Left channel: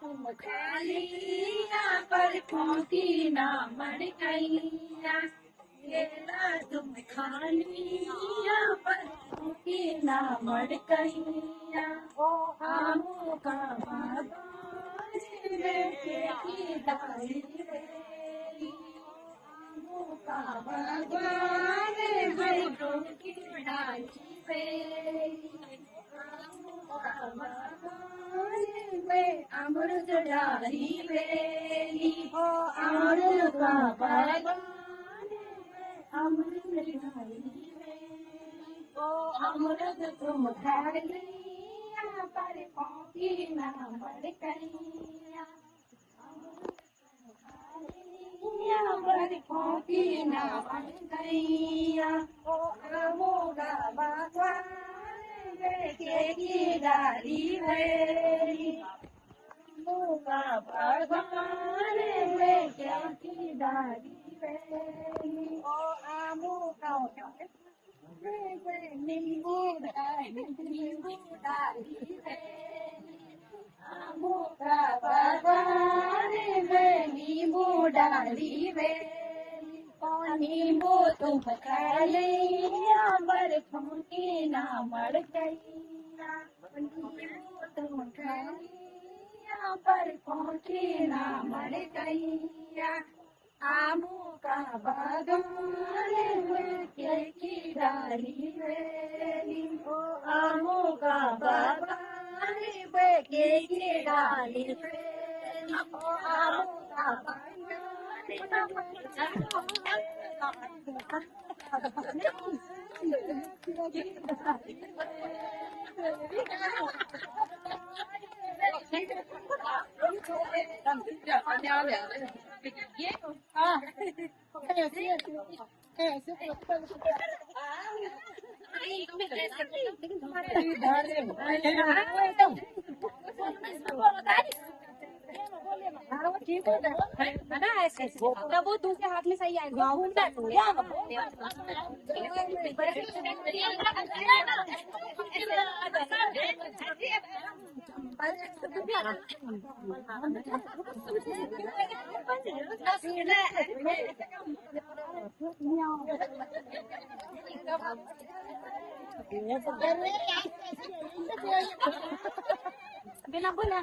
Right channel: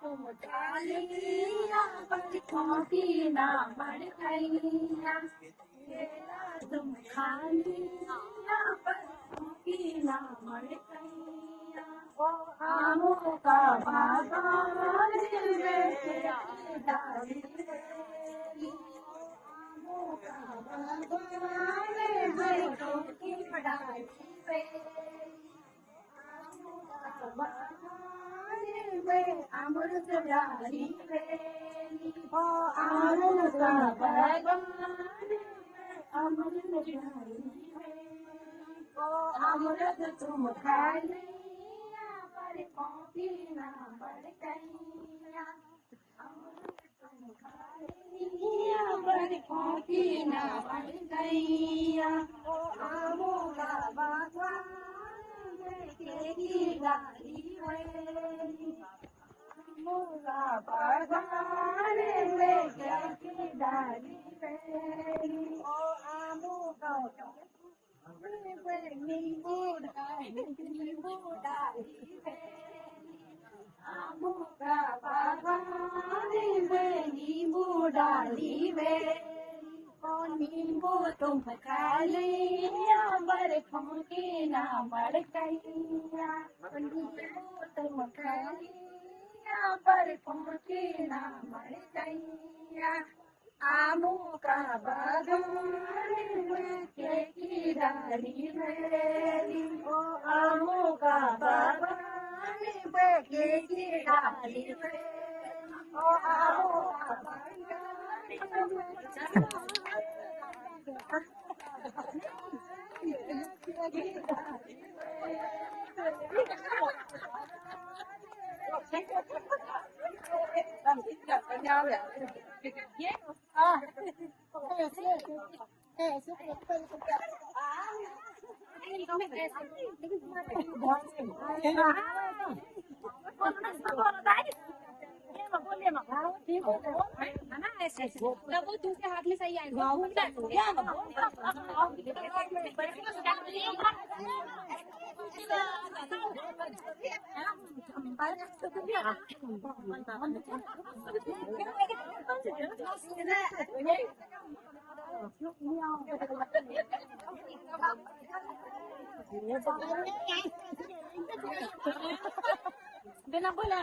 तुम खालिया पर खोकी ना मर गईया केला तुम खालिया पर खोकी ना मर गईया ओ आमों का बागान बेटे की डाली मेरी आमों का बागान बेटों की डाली मेरी अमृत डाली बेली ओ अमृत भगवान अमृत डाली ओ अमृत तुम खाली पर खोकी ना मर गईया अमृत तुम खाली पर खोकी ना मर गईया ओ आमों का बागान की डाली मेरी मुगा भगवान में की डाली मेरी ओ आमू का नींबू डाली आमू का भगवान में नींबू डाली मेरी नींबू तुम खा लिया पर खोकी ना मर गईया नींबू तुम खा लिया पर खोकी ना मर गईया आमू का बागान की डाली मेरी ओ आमू का बागान की डाली मेरी ओ आमू का बागान तब वो दूसरे हाथ में सही आएगा बिना बोला